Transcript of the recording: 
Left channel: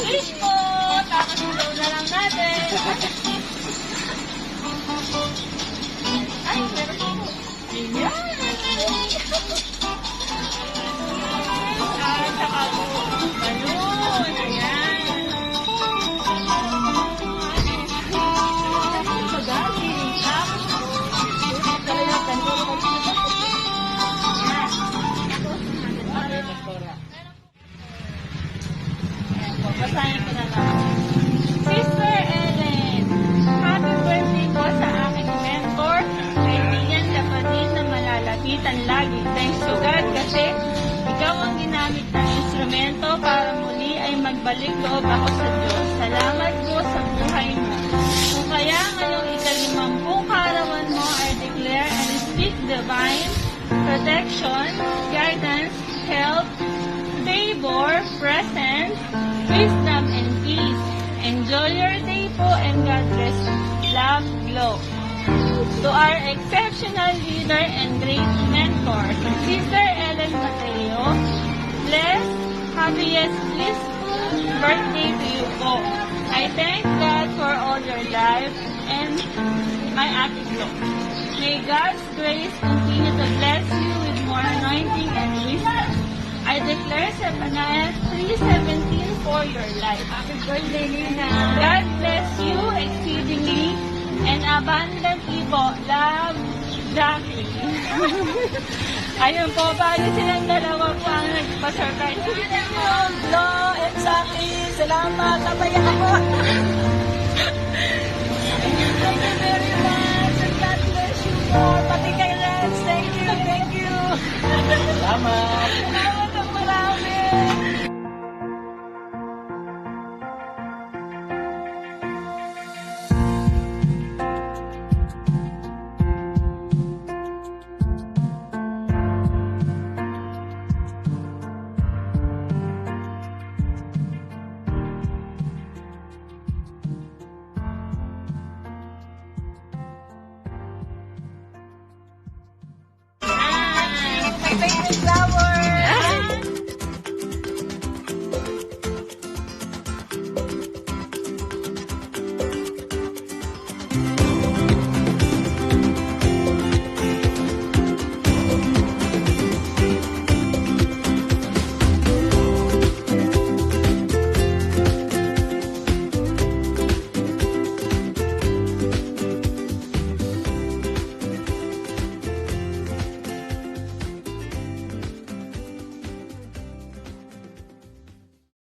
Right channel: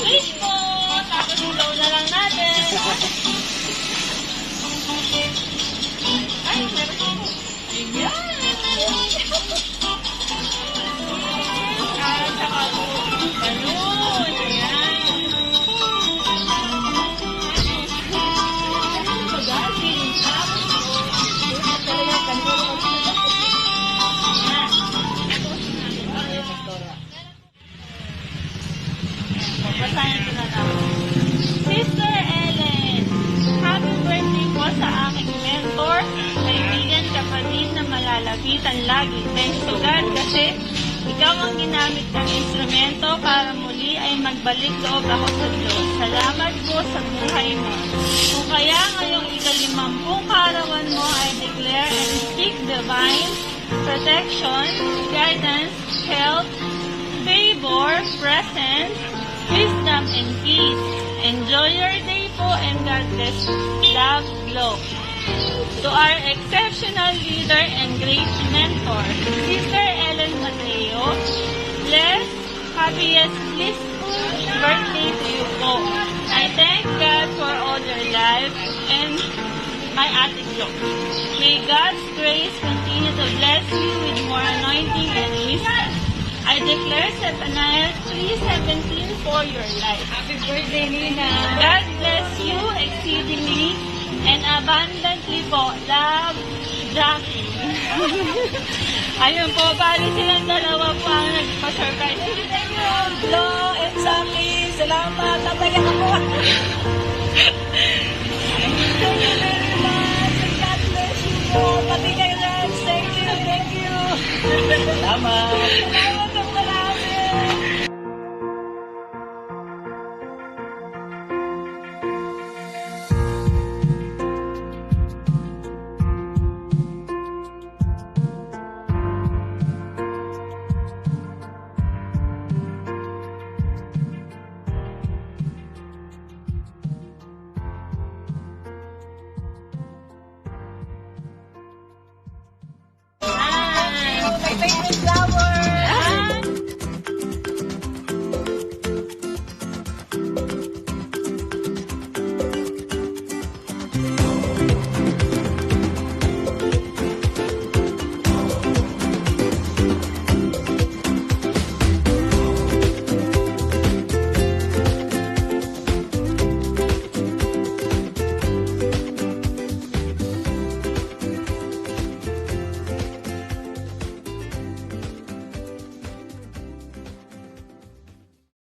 Fish po! Tapos ilaw na lang natin. Ay, meron po. Ayan! At saka po, balloon. Ayan. Magaling. Talaga, kanilo ko. Basahin ko na lang. Sister Ellen, happy birthday po sa aking mentor, kaibigan, kapatid na malalapitan lagi. Thanks to God kasi ikaw ang ginamit ng instrumento para muli ay magbalik loob ako sa Diyos. Salamat po sa buhay mo. Kung kaya ngayong ika-50 kaarawan mo, I declare and speak divine protection, guidance, health, favor, presence, wisdom, and peace. Enjoy your day po and God bless. Love, Glow. To our exceptional leader and great mentor, Sister Ellen Mateo, bless, happiest, blissful birthday to you po. I thank God for all your life and my Ate Glow. May God's grace continue to bless you with more anointing and wisdom. I declare Zephaniah 3:17 for your life. Happy birthday, Nina. God bless you exceedingly and abundantly po. Love, Jackie. Ayun po, paano silang dalawa po ang nagpasurprise? Hello, and Jackie. Salamat. Natayak ako. Thank you very much. And God bless you more. Pati kay Lance. Thank you. Thank you. Salamat. Salamat ng marami. Ayan.